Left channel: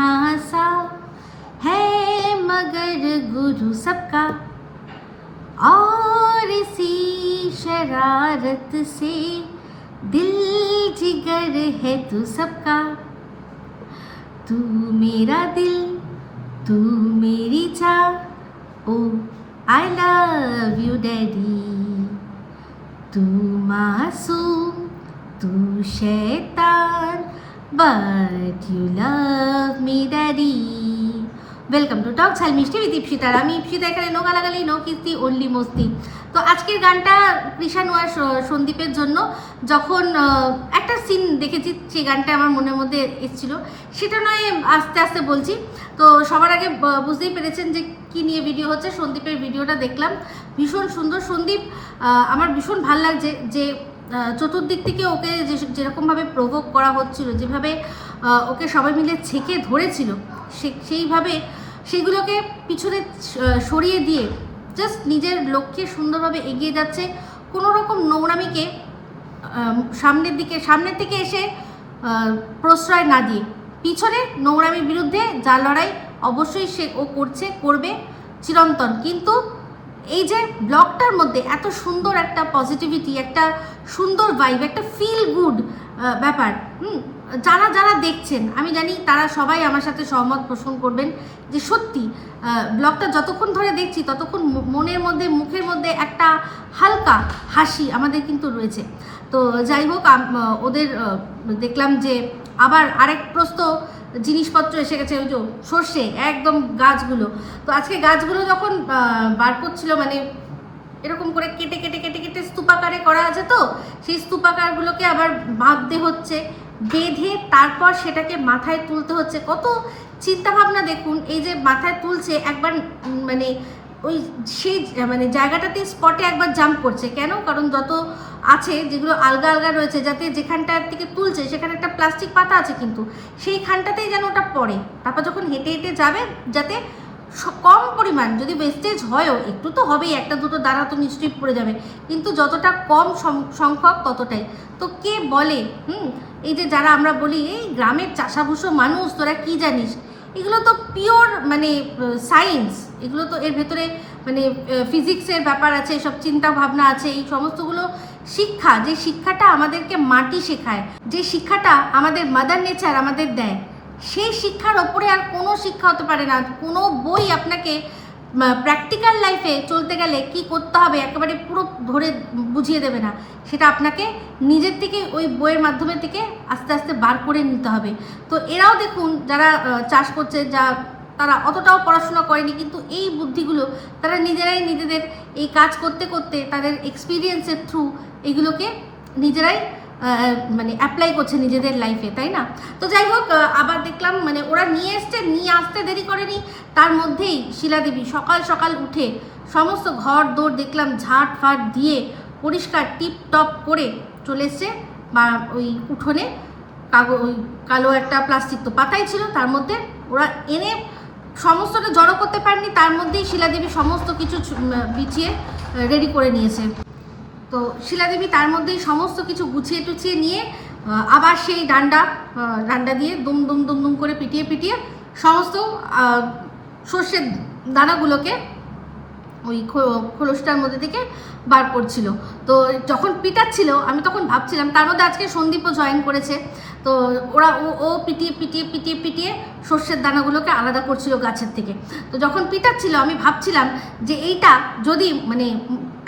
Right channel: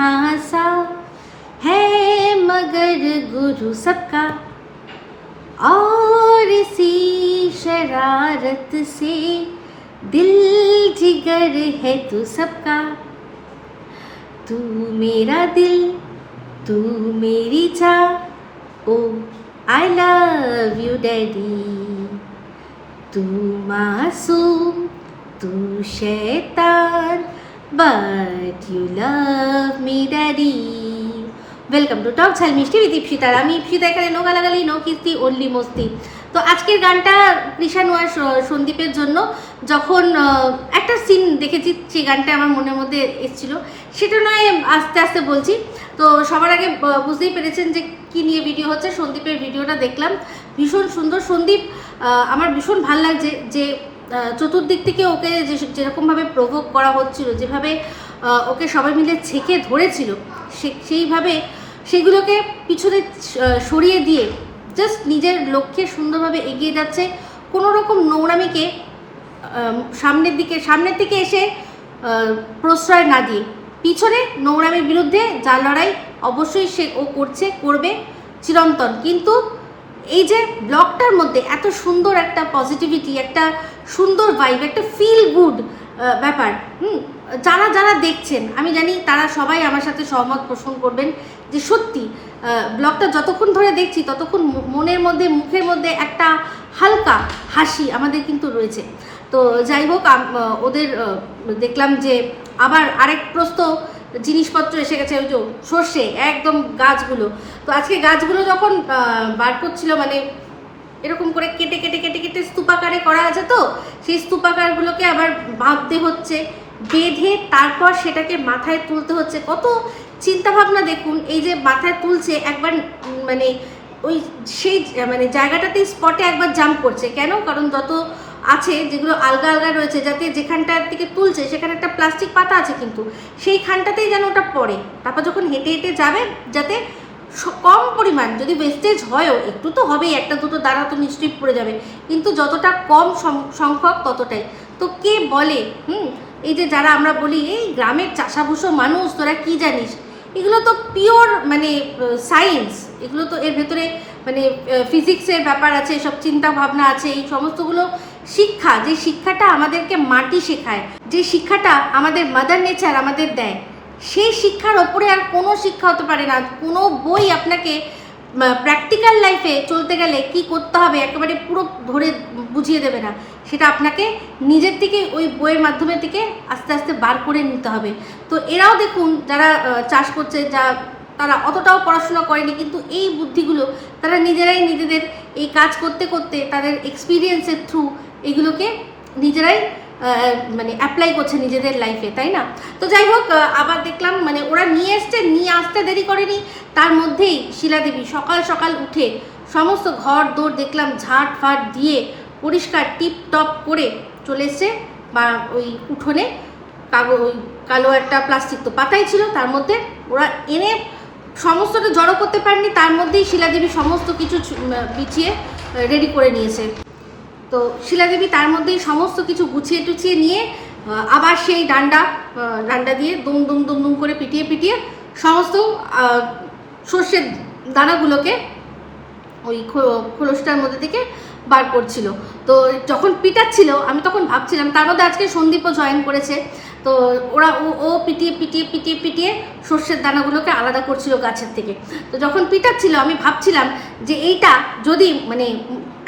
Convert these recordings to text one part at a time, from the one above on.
यहाँ है मगर गुरु सबका। और इसी शरारत से दिल जिगर है तू सबका। तू मेरा दिल, तू मेरी चाह ओ आई लव यू डैडी तू मासूम, तू शैतान। But you love me daddy welcome to Tok Jhal Mishti with ইপসিতার আমি ইপসিতা এখানে নো গালাগালি নো কিস্তি অনলি মস্তি তো আজকের গানটা আর সন্দীপের জন্য। যখন একটা সিন দেখেছি, সেই গানটা আমার মনের মধ্যে এসেছিল। সেটা নয়, আস্তে আস্তে বলছি। তো সবার আগে বুঝতেই পেরেছেন যে কী নিয়ে ভিডিও হচ্ছে। সন্দীপের ভিডিওটা দেখলাম। ভীষণ সুন্দর সন্দীপ। আমার ভীষণ ভালো লাগছে যে চতুর্দিক থেকে ওকে যেরকমভাবে প্রভোগ করা হচ্ছিল, যেভাবে ওকে সবাই মিলে ছেঁকে ধরেছিল সেইভাবে সেগুলোকে পিছনে সরিয়ে দিয়ে জাস্ট নিজের লক্ষ্যে সুন্দরভাবে এগিয়ে যাচ্ছে। কোনো রকম নোংরামিকে সামনের দিকে সামনের দিকে এসে প্রশ্রয় না দিয়ে। পিছনে নোংরামির বিরুদ্ধে যা লড়াই অবশ্যই সে ও করছে, করবে চিরন্তন। কিন্তু এই যে ব্লগটার মধ্যে এত সুন্দর একটা পজিটিভিটি একটা সুন্দর ভাইব একটা ফিল গুড ব্যাপার। হুম, যারা যারা দেখছেন, আমি জানি তারা সবাই আমার সাথে সহমত পোষণ করবেন যে সত্যি ব্লগটা যতক্ষণ ধরে দেখছি, ততক্ষণ মনের মধ্যে, মুখের মধ্যে একটা হালকা হাসি আমাদের কিন্তু রয়েছে। তো যাই হোক ওদের দেখলাম যে আবার আরেক প্রস্ত জিনিসপত্র এসে গেছে, ওই যে সর্ষে, একদম গাছগুলো। তো আজকে গাছগুলো যখন বার করছিল মানে এরকম করে কেটে কেটে কেটে কেটে স্তূপাকারে করা আছে তো? সেই স্তূপাকারগুলোকে আবার বাঁধতে হচ্ছে। বেঁধে তারপর সেটাকে মাথায় তুলতে হচ্ছে। কত চিন্তা ভাবনা দেখুন, এই যে মাথায় তুলছে, একবার মানে ওই সেই মানে জায়গাটাতে স্পটে একবার জাম্প করছে। কেন? কারণ যত আছে, যেগুলো আলগা আলগা রয়েছে, যাতে যেখানটার থেকে তুলছে, সেখানে একটা প্লাস্টিক পাতা আছে কিন্তু, সেইখানটাতেই যেন ওটা পড়ে। তারপর যখন হেঁটে হেঁটে যাবে, যাতে কম পরিমাণ, যদি ওয়েস্টেজ হয়ও, একটু তো হবেই, একটা দুটো দ্বারা তো নিশ্চয়ই পড়ে যাবে। কিন্তু যতটা কম সংখ্যক ততটাই। তো কে বলে, হুম? এই যে যারা আমরা বলি, এই গ্রামের চাষাভুষো মানুষ, তোরা কি জানিস? এগুলো তো পিওর মানে সায়েন্স এগুলো তো এর ভেতরে মানে ফিজিক্সের ব্যাপার আছে, সব চিন্তা ভাবনা আছে, এই সমস্তগুলো শিক্ষা, যে শিক্ষাটা আমাদেরকে মাটি শেখায়, যে শিক্ষাটা আমাদের মাদার নেচার আমাদের দেয়। সেই শিক্ষার ওপরে আর কোনো শিক্ষা হতে পারে না। কোনো বই আপনাকে প্র্যাকটিক্যাল লাইফে চলতে গেলে কি করতে হবে একেবারে পুরো ধরে বুঝিয়ে দেবে না। সেটা আপনাকে নিজের থেকে ওই বইয়ের মাধ্যমে থেকে আস্তে আস্তে বার করে নিতে হবে। তো এরাও দেখুন যারা চাষ করছে, যা তারা অতটাও পড়াশোনা করেনি কিন্তু এই বুদ্ধিগুলো তারা নিজেরাই নিজেদের এই কাজ করতে করতে তাদের এক্সপিরিয়েন্সের থ্রু এগুলোকে নিজেরাই মানে অ্যাপ্লাই করছে নিজেদের লাইফে তাই না? তো যাই হোক আবার দেখলাম মানে ওরা নিয়ে এসছে, নিয়ে আসতে দেরি করেনি। তার মধ্যেই শিলাদেবী সকাল সকাল উঠে সমস্ত ঘর দৌড় দেখলাম, ঝাড় ফাট দিয়ে পরিষ্কার টিপ টপ করে চলে এসছে, বা ওই উঠোনে কাগজ, ওই কালো একটা প্লাস্টিক তো পাতাই ছিল, তার মধ্যে ওরা এনে সমস্তটা জড়ো করতে পারেনি, তার মধ্যেই শিলাদেবী সমস্ত কিছু বিছিয়ে রেডি করে নিয়েছে। তো শিলাদেবী তার মধ্যেই সমস্ত কিছু গুছিয়ে টুছিয়ে নিয়ে আবার সেই ডান্ডা ডান্ডা দিয়ে দুম দুম দুম দুম করে পিটিয়ে পিটিয়ে সমস্ত শস্যের দানাগুলোকে ওই খোলসটার মধ্যে থেকে বার করছিল। তো যখন পিটাচ্ছিল, আমি তখন ভাবছিলাম, তার মধ্যে আজকে সন্দীপও জয়েন করেছে। তো ওরা ও পিটিয়ে পিটিয়ে পিটিয়ে পিটিয়ে সর্ষের দানাগুলোকে আলাদা করছিল গাছের থেকে। তো যখন পিটাচ্ছিল, আমি ভাবছিলাম যে এইটা যদি মানে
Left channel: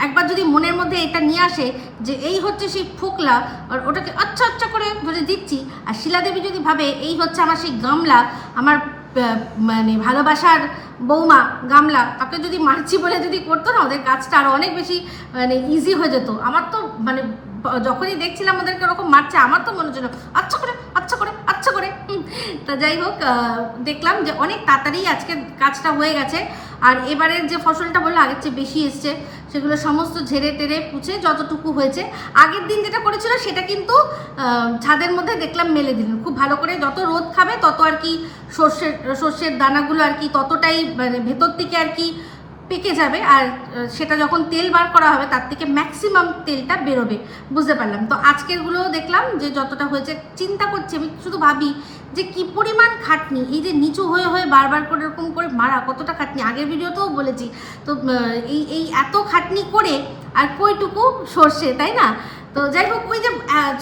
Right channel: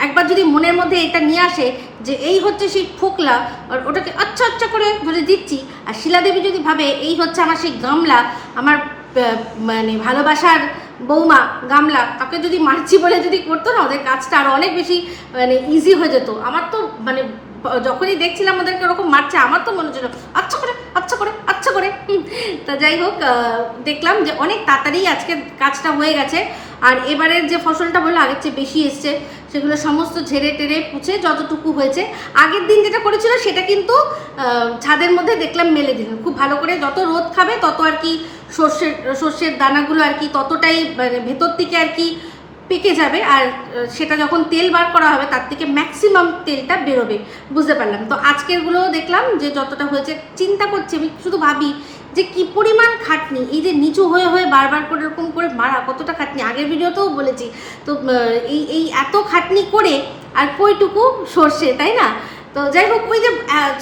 একবার যদি মনের মধ্যে এটা নিয়ে আসে যে এই হচ্ছে সেই ফোকলা, আর ওটাকে আচ্ছা আচ্ছা করে ধরে দিচ্ছি, আর শিলাদেবী যদি ভাবে এই হচ্ছে আমার সেই গামলা, আমার মানে ভালোবাসার বৌমা গামলা, তাকে যদি মারছি বলে যদি করতো না, ওদের কাজটা আরও অনেক বেশি মানে ইজি হয়ে যেত। আমার তো মানে যখনই দেখছিলাম ওদেরকে ওরকম মারছে, আমার তো মনে হচ্ছিল আচ্ছা করে। তা যাই হোক দেখলাম যে অনেক তাড়াতাড়ি আজকে কাজটা হয়ে গেছে। আর এবারের যে ফসলটা বলল, আগের চেয়ে বেশি এসছে, সেগুলো সমস্ত ঝেড়ে টেরে পুছে যতটুকু হয়েছে। আগের দিন যেটা করেছিল, সেটা কিন্তু ছাদের মধ্যে দেখলাম মেলে দিলেন খুব ভালো করে যত রোদ খাবে, তত আর কি সর্ষের সর্ষের দানাগুলো আর কি ততটাই মানে ভেতর থেকে আর কি পেকে যাবে আর সেটা যখন তেল বার করা হবে, তার থেকে ম্যাক্সিমাম তেলটা বেরোবে। বুঝতে পারলাম। তো আজকেরগুলোও দেখলাম যে যতটা হয়েছে, চিন্তা করছি আমি, শুধু ভাবি যে কি পরিমাণ খাটনি, এই যে নিচু হয়ে হয়ে বারবার করে এরকম করে মারা, কতটা খাটনি। আগের ভিডিওতেও বলেছি, তো এই এই এত খাটনি করে আর কইটুকু সর্ষে, তাই না? তো যাই হোক ওই যে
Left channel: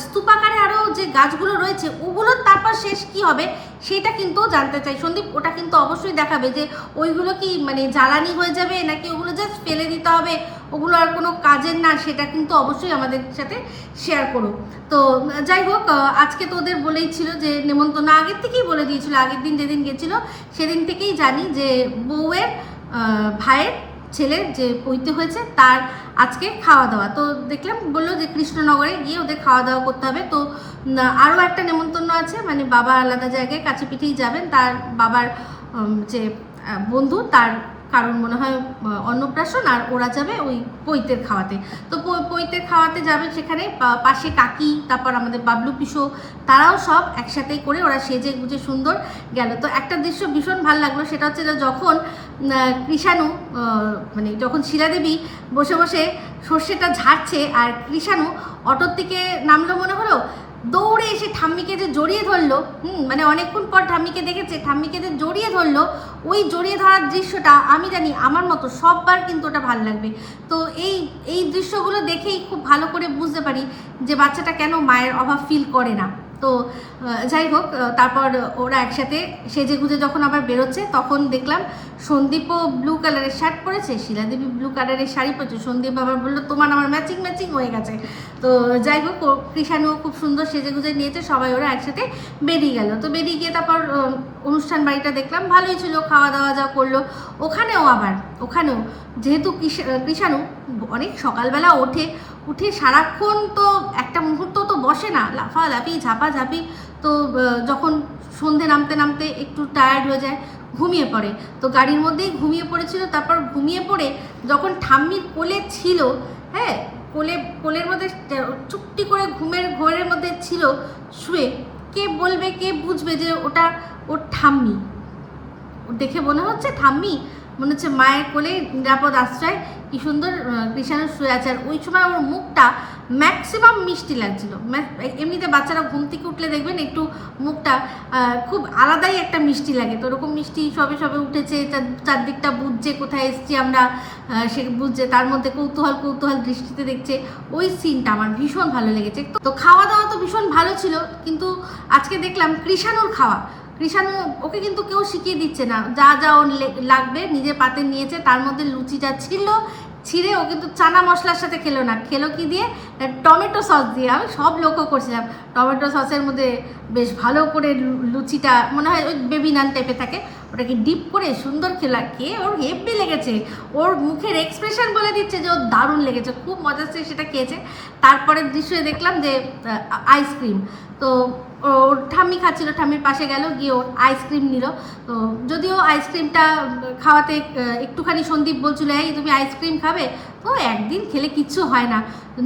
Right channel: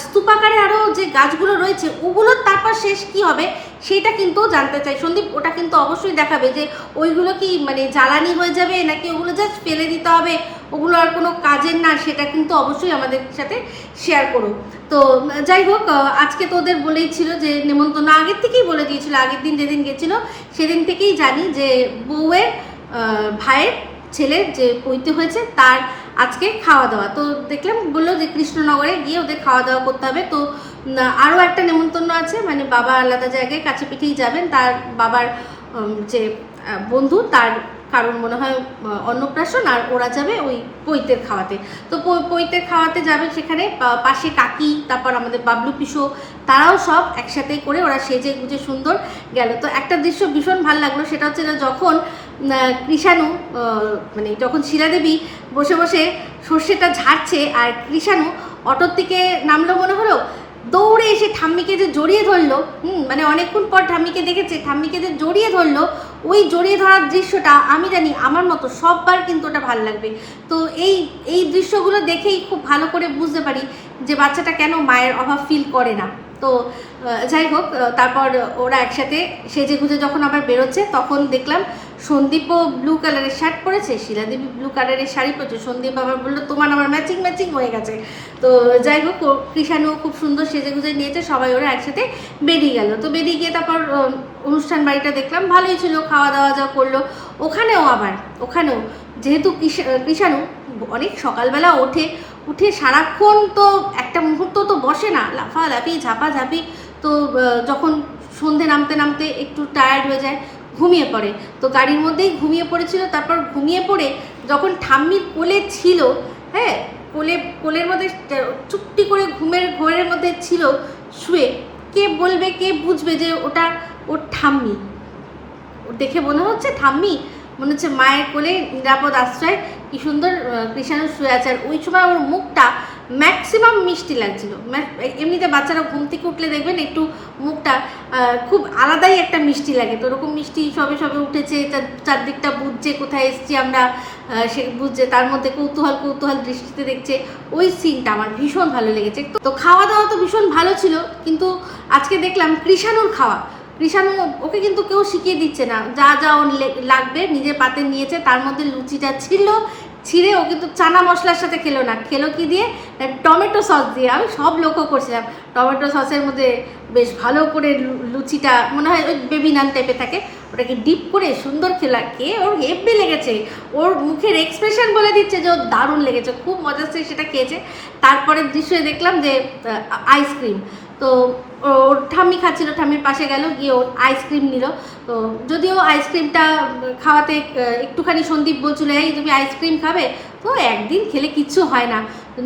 স্তূপাকারে আরও যে গাছগুলো রয়েছে, ওগুলোর তারপর শেষ কি হবে সেটা কিন্তু জানতে চাই। সন্দীপ, ওটা কিন্তু অবশ্যই দেখাবে যে ওইগুলো কি মানে জ্বালানি হয়ে যাবে নাকি ওগুলো জাস্ট ফেলে দিতে হবে? ওগুলো আর কোনো কাজের না, সেটা কিন্তু অবশ্যই আমাদের সাথে শেয়ার করো। তো যাই হোক আজকে তো ওদের বলেই ছিল যে, নেমন্তন্ন আগের থেকেই বলে দিয়েছিল, আগের দিন যেদিন গেছিল, সেদিন থেকেই জানি যে বউয়ের ভাইয়ের ছেলের যে পৈতে হয়েছে, তার আজকে খাওয়া দাওয়া। তো দেখলাম, বলল যে কৃষ্ণনগরে গিয়ে ওদের খাওয়া দাওয়া করতে হবে। তো আরও একটা নেমন্তন্ন আছে মানে বাবা আলাদা জায়গায় কাছে পিঠেই যাবেন। তার বাবার যে বন্ধু, তার কারণ মনে হয় অন্নপ্রাশন, আর ওরা যাবে ওই পৈতের খাওয়াতে। তো পৈতের খাওয়াতে যাবে সেখানে পাশে কাকি, তারপর আমাদের বাবলু পিসো, তারাও সব একসাথে করে ওরা সেজে গুজে সুন্দর গেল। তো একটা দৃশ্য ভীষণ ভালো লাগল, সেটা হচ্ছে যখন কৃষাণু মানে যখন শিলাদেবী বসে বসে সর্ষেটা ঝাড়ছে আর কৃষাণু অটোর থেকে নামলো মনে হলো, দৌড়ে এসে ঠাম্মিকে যে জড়িয়ে ধরলো, হুম মানে অনেকক্ষণ পর ঠাম্মিকে দেখেছে, ঠাম্মিকে যে জড়িয়ে ধরলো, ওই জড়িয়ে ধরার দৃশ্যটা আমি জানি আমার মতো সববার কিন্তু ওটা ভালো লাগবে। তো এই এই দৃশ্যগুলো দেখেই খুব ভালো করে বুঝতে পারি যে বাচ্চাটা কেন মায়ের অভাব ফিল করে না। তো যাই হোক তারপর ওরা একসাথে সেজে গুজে যখন আবার বেরোচ্ছে, তখন দেখলাম সন্দীপও ব্লু কালারের শার্ট পরেছে, শিলাদেবী ব্লু কালারের শাড়ি পরেছে। সন্দীপ আবার বলল, তোমার আমার ম্যাচিং ম্যাচিং হয়ে গেছে। তো যাই হোক, ও- কৃষাণু খুব সুন্দর সেজে গুজে নিয়েছে, সবাই ওরা একসাথে বেরিয়ে গেল। তো বেরিয়ে গিয়ে তারপর অনুষ্ঠান বাড়িটা দেখলাম, ভালোই ছিল খাওয়া দাওয়া যা করল। ওখানেও আবার, ওখানেও যেহেতু কৃষা- কৃষাণু অনেক সকালবেলা ওঠে উঠে সারাক্ষণ তো একটা মুহূর্ত তো বসে না, লাফালাফি, ঝাপাঝাপি। তো যখন সন্ধে নামতে নামতে একটু টায়ার্ড হয়ে যায়, ঘুমিয়ে পড়ে। তো গাড়ির মধ্যেই ঘুমিয়ে পড়েছিল, তারপর ঘুমিয়ে পড়ে যখন ঠাম্মির কোলে ছিল হ্যাঁ কোলে, কোলের মধ্যে চুপটি করে ঘুমের ঘোরের মধ্যে ছিল, শুয়ে কে বলবে, কে বুঝবে যে ওটা ওর ঠাম্মি? দেখে মনে হচ্ছে ঠাম্মি মনে হচ্ছে মায়ের কোলে নিরাপদ আশ্রয়, কি সুন্দর কৃষাণু শুয়ে আছে। আর ওই সময় ওর মুখটা ম্যাক্সিমাম মিষ্টি লাগছিল। এমনিতে বাচ্চারা ঘুম থেকে উঠলে দেখবেন একটু মুখটা খুব আলাদাই একটা মিষ্টি লাগে। তো ওরকম মিষ্টি সবে সবে উঠেছে, চার- চারদিকটা বুঝছে কোথায় এসছি আমরা সে বুঝছে, তার মধ্যে কৌতূহল কৌতূহল দৃষ্টিতে দেখছে। ওই সিনটা আমার ভীষণ ভালো লেগেছে। তো খাওয়া দাওয়া তো ভীষণ ভালো ছিল, কিন্তু আজকে দেখলাম কৃষাণুর খাওয়া। কৃষাণু ওকে কিন্তু কেউ শিখিয়ে দিচ্ছে না। যা যা ও লাগবে নিজের পাতে নিয়েছে, তার মধ্যে লুচিটা ছিল, ছিঁড়ে ও কিন্তু চানা মশলার সাথে খেলো না। খেলো কি দিয়ে? টমেটো সস দিয়ে। আমি সব লক্ষ্য করছিলাম। টমেটো সসের মধ্যে বেশ ভালো করে লুচিটা, মনে হয় ওই বেবি নান টাইপের থাকে, ওটাকে ডিপ করে সুন্দর খেলা, খেয়ে ওর হেব্বি লেগেছে। ওর মুখের এক্সপ্রেশন বলে দিচ্ছে যে ওর দারুণ লেগেছে, খুব মজার সেটা খেয়েছে। তারপরের দৃশ্যে দেখলাম যে আইসক্রিম তো ওর ঠাম্মি খাচ্ছিল, ঠাম্মির পাশে গেল, গিয়ে ওর আইসক্রিম নিল। তো যদিও আইসক্রিমটা খাওয়াতে একটুখানি সন্দীপ বলছিল, এই তুমি আইসক্রিম খাবে? তো একদিন খেলে কিচ্ছু হয় না।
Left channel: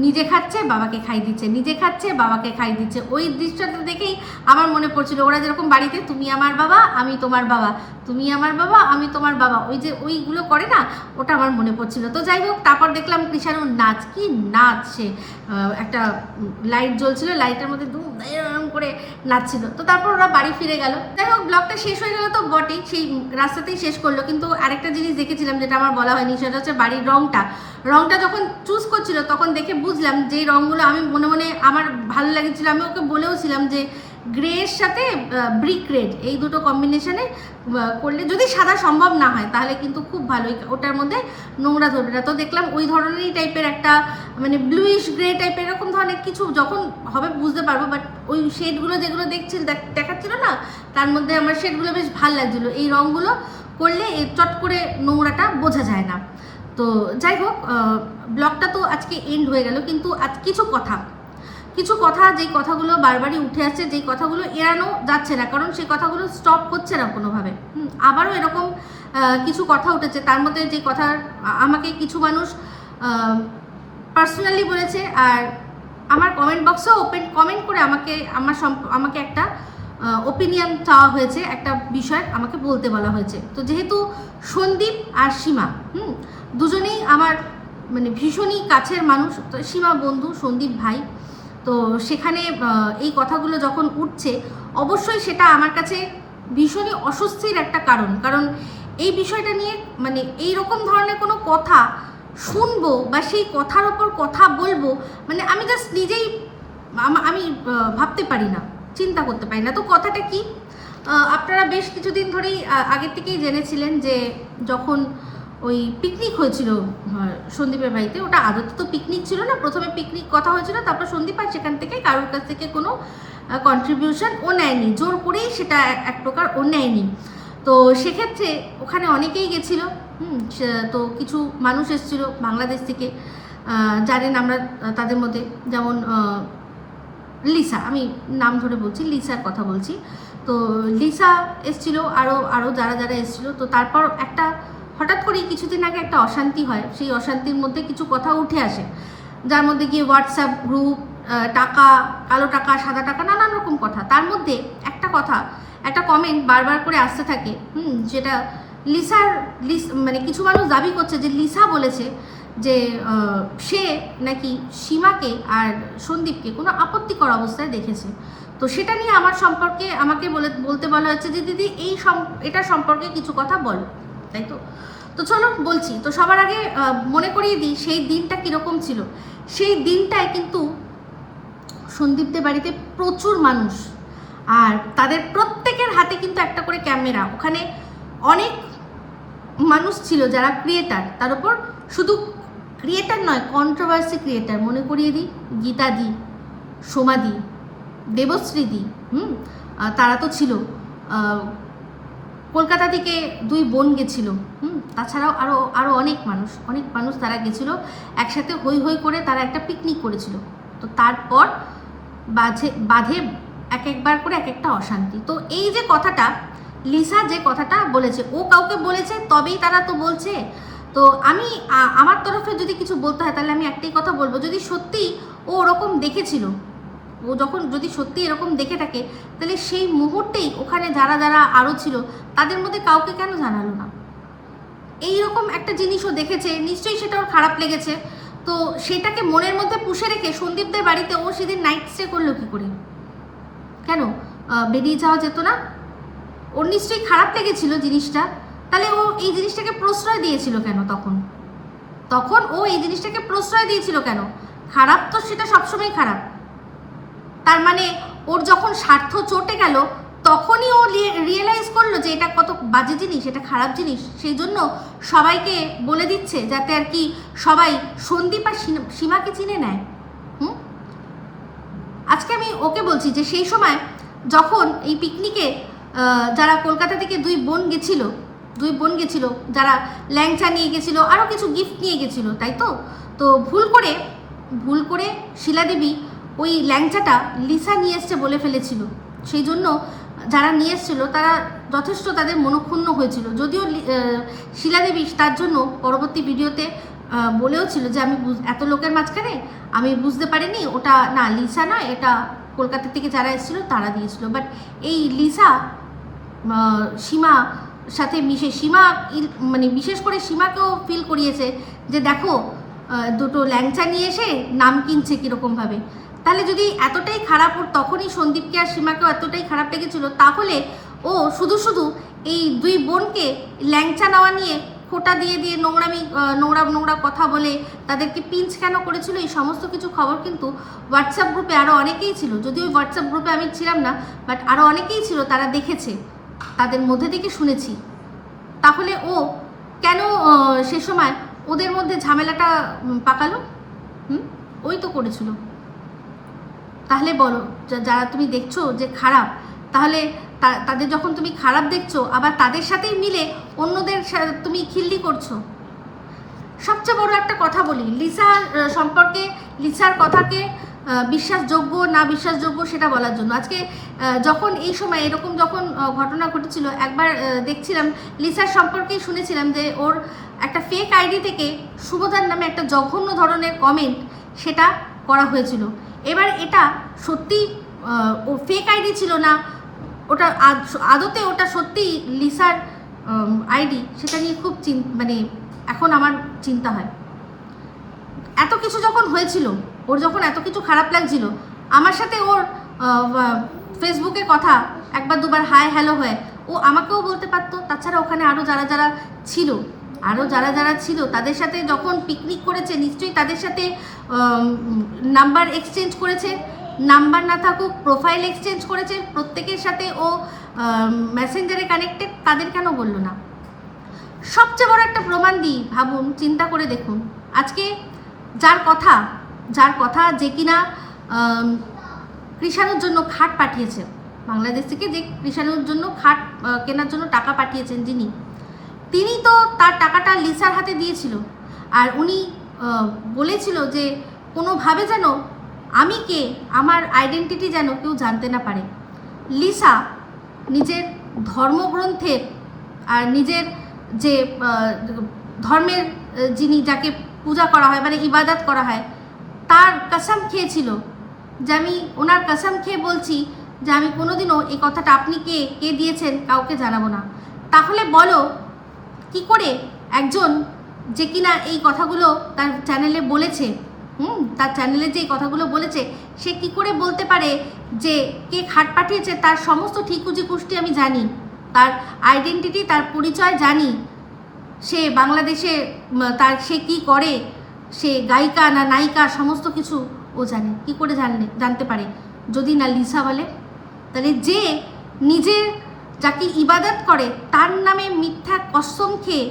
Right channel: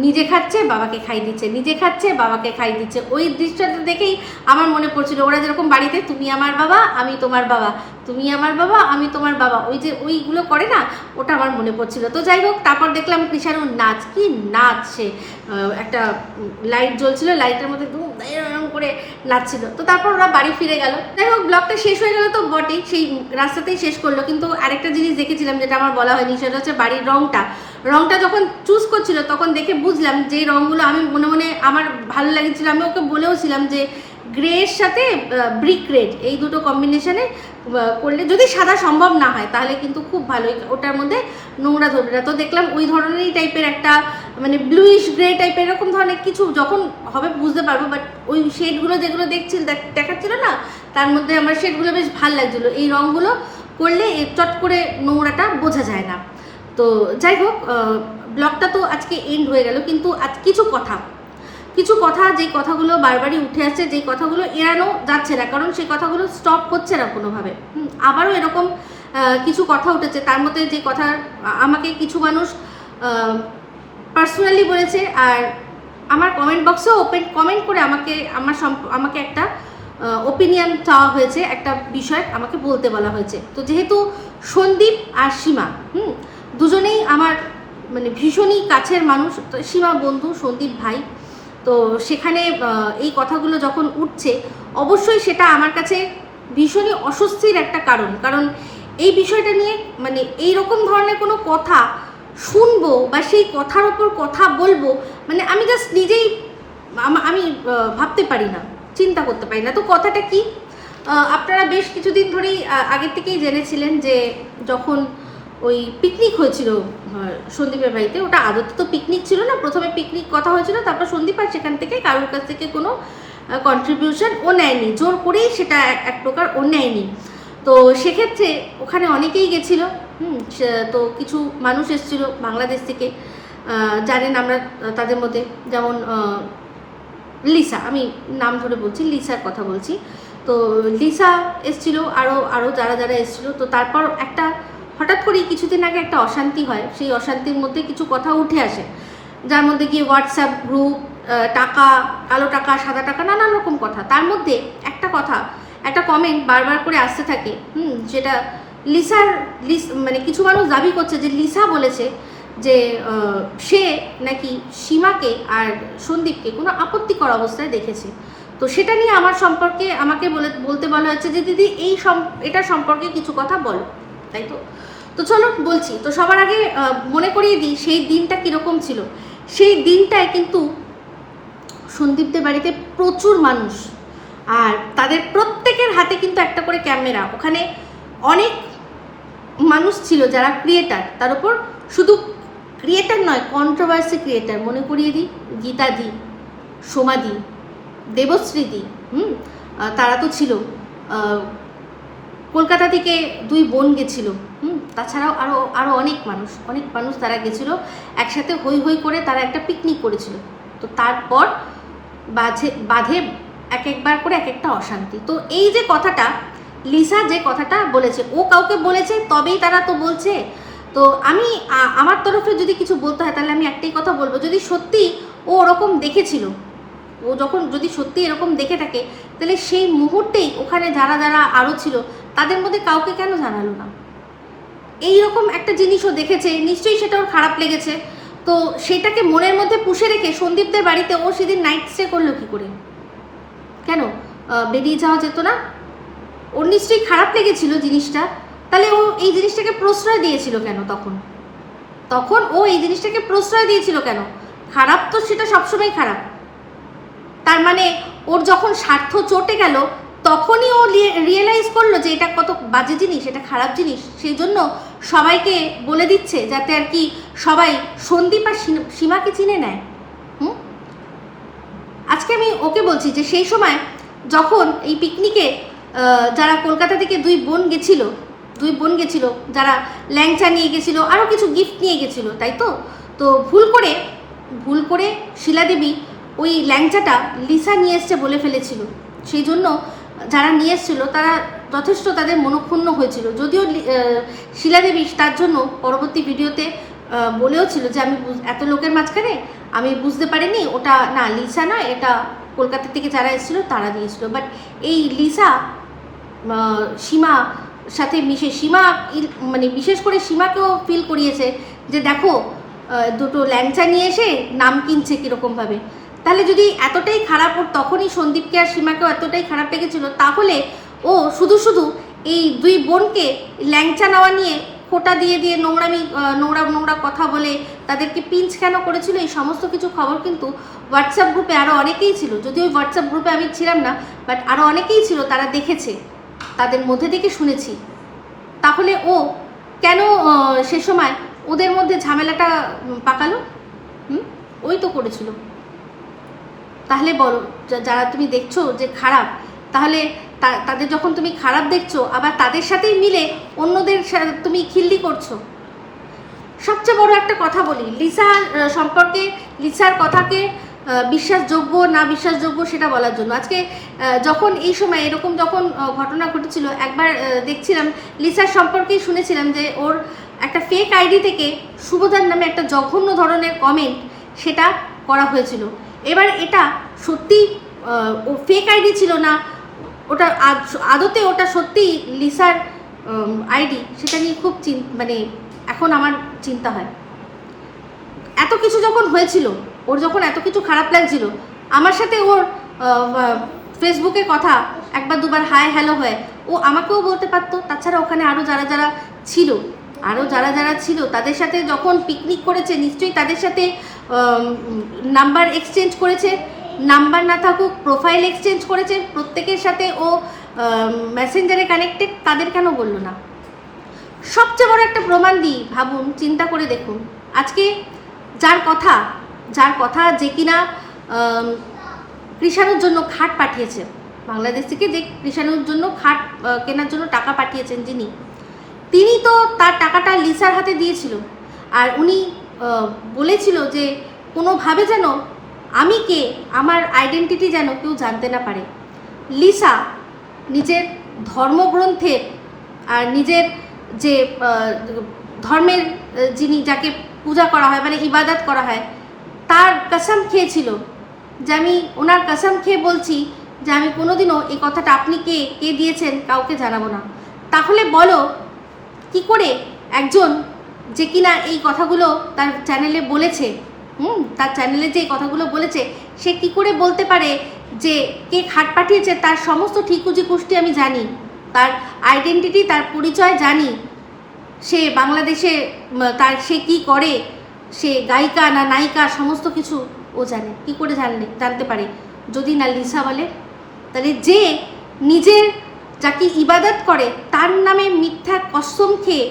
নিজে খাচ্ছে, বাবাকে খাই দিচ্ছে। নিজে খাচ্ছে, বাবাকে খাই দিচ্ছে। ওই দৃশ্যটা দেখেই আমার মনে পড়ছিল, ওরা যেরকম বাড়িতে, তুমি আমার বাবা, আমি তোমার বাবা। তুমি আমার বাবা, আমি তোমার বাবা। ওই যে ওইগুলো করে না, ওটা আমার মনে পড়ছিল। তো যাই হোক, তারপর দেখলাম কৃষাণুর নাচ। কি নাচ সে? একটা লাইট জ্বলছিল, লাইটের মধ্যে দুম করে নাচছিল। তো তারপর ওরা বাড়ি ফিরে গেল। যাই হোক, ব্লগটা শেষ হয়ে গেল তো বটেই, সেই রাস্তাতেই শেষ করল। কিন্তু আরেকটা জিনিস দেখেছিলাম, যেটা আমার বলা হয়নি, সেটা হচ্ছে বাড়ির রংটা। রংটা যখন চুজ করছিল, তখন দেখে বুঝলাম যে রংগুলো আমি মনে মনে আমার ভালো লাগছিল। আমি ওকে বলেওছিলাম যে গ্রের সাথে ব্রিক রেড এই দুটো কম্বিনেশনে করলে যদি সাদা সম্ভব না হয়, তাহলে কিন্তু খুব ভালোই ওটার মধ্যে নোংরা ধরবে না। তো দেখলাম ওই ধরনেরই টাইপের একটা মানে ব্লুইশ গ্রে টাইপের এরকম ধরনের কিছু যখন হবে বুঝতে পারব বাট ওই শেডগুলো যেগুলো দেখছিল, দেখ- দেখাচ্ছিল না, তার মধ্যে আমার শেডগুলো বেশ ভালো লাগছিল। এই রঙগুলো করলে চট করে নোংরাটা বোঝা যায় না। তো যাই হোক ব্লগটা তো আজকে এন্ড হয়ে গেল, কিন্তু আজ কিছু কথা। কিছু কথা, যেই কথাগুলো বারবারই উঠে আসছে, যেই কথাগুলো এড়ানো যাচ্ছে না, কারণ সেই কথাগুলো স্টপ হচ্ছে না কোনোভাবে। আবারও এরকম কিছু কথা উঠেছে। তার মধ্যে যে কথা আমাকে কিছু মানুষ পার্সোনালি বলেছে, আর আমার কমেন্ট বক্সেও ওপেন কমেন্ট করে আমাকে, আমার আমাকে একটা ওপিনিয়ন চাওয়া হয়েছে, একটা বিষয় আমাকে বলতে বলা হয়েছে। তো যেহেতু সন্দীপ আর সীমা, হুম, দুজনেই আমার মানে ভীষণই কাছের মানুষ, তো সীমা বন্ধু, সন্দীপ ভাই, তো সেখানে এই কথাগুলো যখন উঠছে, অবশ্যই সেটা আমার কাছে ভীষণই অস্বস্তির একটা কারণ। কারণ এই বিষয়টা নিয়ে মানে এই রকম ধরনের কোনো কথা শুনব বা সেই কথার ওপর কথা বলব মানে আমি জাস্ট নিজেই আমি ভাবতে পারি না। চিন্তা করতে পারি না। তো কথাটা কি? আপনারা বেশ কিছুদিন ধরেই আগের থেকেই জেনেছিলেন যে যখন ওই পিকনিক হয়েছিল সন্দীপের বাড়িতে, ওটা আদতে তো পিকনিক ছিল না, প্রথমে পিকনিক কথা হয়েছিল, তারপর সন্দীপ আর সেখান থেকে কারোর কাছ থেকে কোনো কন্ট্রিবিউশন ও নেয়নি। জোর করেই সেটা এক- প্রকার ও নেয়নি। তো সেক্ষেত্রে ওখানে অনেকেই গেছিল, হুম তো কিছু মানুষ এসেছিল বাংলাদেশ থেকে। জানেন আমরা তাদের মধ্যে, যেমন লিসা, আমি নাম ধরে বলছি, লিসার কথা বলছি। তো লিসা এসছিল আরও আরও যারা যারা এসছিল, তো তারপর একটা, হঠাৎ করেই কিছুদিন আগে একটা অশান্তি হয়। সেই অশান্তির মধ্যে কিছু কথা উঠে আসে। যার মধ্যে গিয়ে হোয়াটসঅ্যাপ গ্রুপ টাকা, কালো টাকা, সাদা টাকা, নানান রকম কথা। তার মধ্যে একটা কথা, একটা কমেন্ট বারবার করে আসতে থাকে, হুম, যেটা লিসার, লিস মানে কিছু মানুষ দাবি করছে যে লিসা বলেছে যে সে নাকি সীমাকে আর সন্দীপকে কোনো আপত্তিকর অবস্থায় দেখেছে। তো সেটা নিয়ে আমার সম্পর্কে আমাকে বলে, বলতে বলা হয়েছে যে, দিদি, এই এটা সম্পর্কে কিছু কথা বলো। তাই তো? তো চলো, বলছি। তো সবার আগে মনে করিয়ে দিই, সেই দিনটা কীরকম ছিল। সেই দিনটায় কিন্তু সন্দীপদের বাড়িতে প্রচুর মানুষ। আর তাদের প্রত্যেকের হাতে কিন্তু একটা করে ক্যামেরা। ওখানে অনেক মানুষ ছিল যারা ক্রিয়েটার। তার উপর শুধু ক্রিয়েটার নয় কন্ট্রোভার্সি ক্রিয়েটার মনে করিয়ে দিই গীতাদি সোমাদি দেবশ্রীদি হুম? তারা তো ছিল। কলকাতা থেকে দুই বোন গেছিল, হুম? তাছাড়াও আরও আরও অনেক মানুষ অনেক মানুষ তারা গেছিল। একসাথে হই হই করে তারা একটা পিকনিক করেছিল। তো তারপর বাঁধে বাঁধে এক একবার করে এক একটা অশান্তি। তো এই যে কথাটা, লিসা যে কথাটা বলেছে, ও কাউকে বলেছে, তবেই তারা তো বলছে তো আমি আমার তরফে যদি কিছু বলতে হয়, তাহলে আমি একটাই কথা বলব। যদি সত্যি ও ওরকম দেখেছিল, ও যখন যদি সত্যি এরকম দেখে থাকে, তাহলে সেই মুহূর্তেই ওখানে যারা যারা আরও ছিল, তাদের মধ্যে কাউকে কেন জানালো না? এই রকম একটা জিনিসও দেখেছে, নিশ্চয়ই সেটা ওর খারাপ লেগেছে। তো সেটাকে মনের মধ্যে পুষে রেখে সন্দীপদের বাড়িতে ও সেদিন নাইট স্টে করল কী করে? কেন? বেরিয়ে যাওয়া যেত না? ওর নিশ্চয়ই খারাপ লেগেছিল জিনিসটা। তাহলে ও এই জিনিসটাকে প্রশ্রয় দিয়েছিল কেন তখন? তখন ও এই জিনিসটাকে প্রশ্রয় দিয়েছিল কেন? খারাপ তো সেটা সবসময় খারাপ। তার মানে ওর যখন স্বার্থ চটে গেল, তখনই ও রিয়েলাইজ করল যে এটা কত বাজে জিনিস, এটা খারাপ জিনিস। সেই জন্য সবাইকে বলে দিচ্ছে যাতে আর কি সবাই সন্দীপ আর সীমাকে চিনে নেয়। হুম? আজকে আমি ওকে বলছি যে সেই সময় যখন এই পিকনিকে যারা কলকাতা থেকে দুই বোন গেছিল দুই বোন গেছিল, যারা ল্যাংচা নিয়ে গেছিল আরও কিছু গিফট নিয়ে গেছিল, তাই তো? তো ভুল করে ভুল করে শিলাদেবী ওই ল্যাংচাটা লিসা নিয়ে এসছে বলে ফেলেছিল। সেই জন্য যারা নিয়ে এসেছিল, তারা যথেষ্ট তাদের মনক্ষুণ্ণ হয়েছিল। যদিও শিলাদেবী তার জন্য পরবর্তী ভিডিওতে বলেও ছিল যে, আমি এত লোকের মাঝখানে আমি বুঝতে পারিনি, ওটা না লিসা নয় এটা কলকাতা থেকে যারা এসেছিল, তারা দিয়েছিল বাট এই লিসা সীমা সাথে মিশে সীমা মানে বিশেষ করে সীমাকেও ফিল করিয়েছে যে দেখো দুটো ল্যাংচা নিয়ে এসে নাম কিনছে কীরকমভাবে। তাহলে যদি এতটাই খারাপ ওর তখনই সন্দীপকে আর সীমাকেও এতটাই খারাপ লেগেছিল, তাহলে ও শুধু শুধু এই দুই বোনকে ল্যাংচা নেওয়া নিয়ে খোটা দিয়ে দিয়ে নোংরামি নোংরা নোংরা কথা বলে তাদেরকে পিঞ্চ কেন করেছিল, এই সমস্ত কিছু খবর কিন্তু হোয়াটসঅ্যাপ গ্রুপে আরও অনেকেই ছিল। যদিও ওই হোয়াটসঅ্যাপ গ্রুপে আমি ছিলাম না বাট আরও অনেকেই ছিল, তারা দেখেছে। তাদের মধ্যে থেকে শুনেছি। তাহলে ও কেন সে সময় ওদের মধ্যে ঝামেলাটা পাকালো? হুম? ওই তো করেছিল। তাহলে বলো যারা তুমি দেখছ যে খারাপ তাহলে তাদের যখন তুমি খারাপ দেখছ আবার তাদের সাথেই মিলে অন্যদের তুমি খিল্লি করছ। সবচেয়ে বড় একটা কথা বলি আহ, সম্পর্কে লিসার কথাকে বিশ্বাসযোগ্য, না বিশ্বাসযোগ্য সেটা বলার জন্য। আজকে যখন এই সময়, এরকম যখন ঘটনা ঘটেছিল, একবার দেখছিলাম, লিসার সম্পর্কেই শুনেছিলাম যে ওর একটা ফেক আইডি থেকে শুভদার নামে একটা জঘন্য ধরনের কমেন্ট সেটা করা হয়েছিল। এবার এটা সত্যি ও ফেক আইডি ছিল না, ওটা আদতে ওটা সত্যি লিসার আইডি সেটা নিয়ে খুব চিন মানে এখন আমার চিন্তা হয়। এত কিছু যখন হয়েছিল, ওর যখন এত কিছু খারাপ লাগছিল, আমার সাথে ওর ফেসবুকে কথা, একবার দুবার হাই হ্যালো হয়, ও আমাকেও বলতে পারতো। তাছাড়া ওখানে আরও যারা যারা ছিল আরও যারা যারা ছিল, তাদের সাথে যখন পিকনিক করেছে, নিশ্চয়ই তাদের সাথে নাম্বার এক্সচেঞ্জ করেছে। নাম্বার না থাকুক প্রোফাইল এক্সচেঞ্জ করেছে। প্রত্যেকের সাথে ও মেসেঞ্জারে কানেক্টেড তাদের কেন বলল না? সবচেয়ে বড় একটা প্রমাণ দিই, ভাবুন, চিন্তা করে দেখুন। আজকে যার কথা যার কথা যে কিনা কৃষাণুর জন্য খাট পাঠিয়েছে বাংলাদেশ থেকে যে কৃষাণুর জন্য খাট কেনার জন্য টাকা পাঠিয়েছেন যিনি, তিনি তো তার টাকাটা লিসার হাতে দিয়েছিল। আর উনি বলেছিল যে কোনোভাবে যেন আমি কে, আমার আইডেন্টিটি যেন কেউ জানতে না পারে। লিসা নিজের ধর্মগ্রন্থের আর নিজের যে ধর্মের যিনি যাকে পূজা করা হয় মানে ইবাদত করা হয়। তার কসম খেয়েছিল যে আমি ওনার কসম খেয়ে বলছি যে আমি কোনোদিনও এই কথাটা আপনি কে কে দিয়েছেন কাউকে জানাব না। তাহলে বলো, কি করে একজন যে কিনা এই কথাগুলো তার চ্যানেলে বলেছে, হুম, তার চ্যানেলে যে কথাগুলো বলেছে, সে কি করে বলতে পারে যে কে খাট পাঠিয়েছে, তার সমস্ত ঠিকুজি কুষ্টি আমি জানি, তার আইডেন্টিটি তার পরিচয় জানি সে বাংলাদেশে তার, সে কি করে? সে গায়িকা না নায়িকা, সমস্ত কিছু ও জানে। কি করে জানলে জানতে পারে? যদি না লিসা বলে, তাহলে যে নিজের যাকে ইবাদত করে, তার নামে মিথ্যা কসম খেয়ে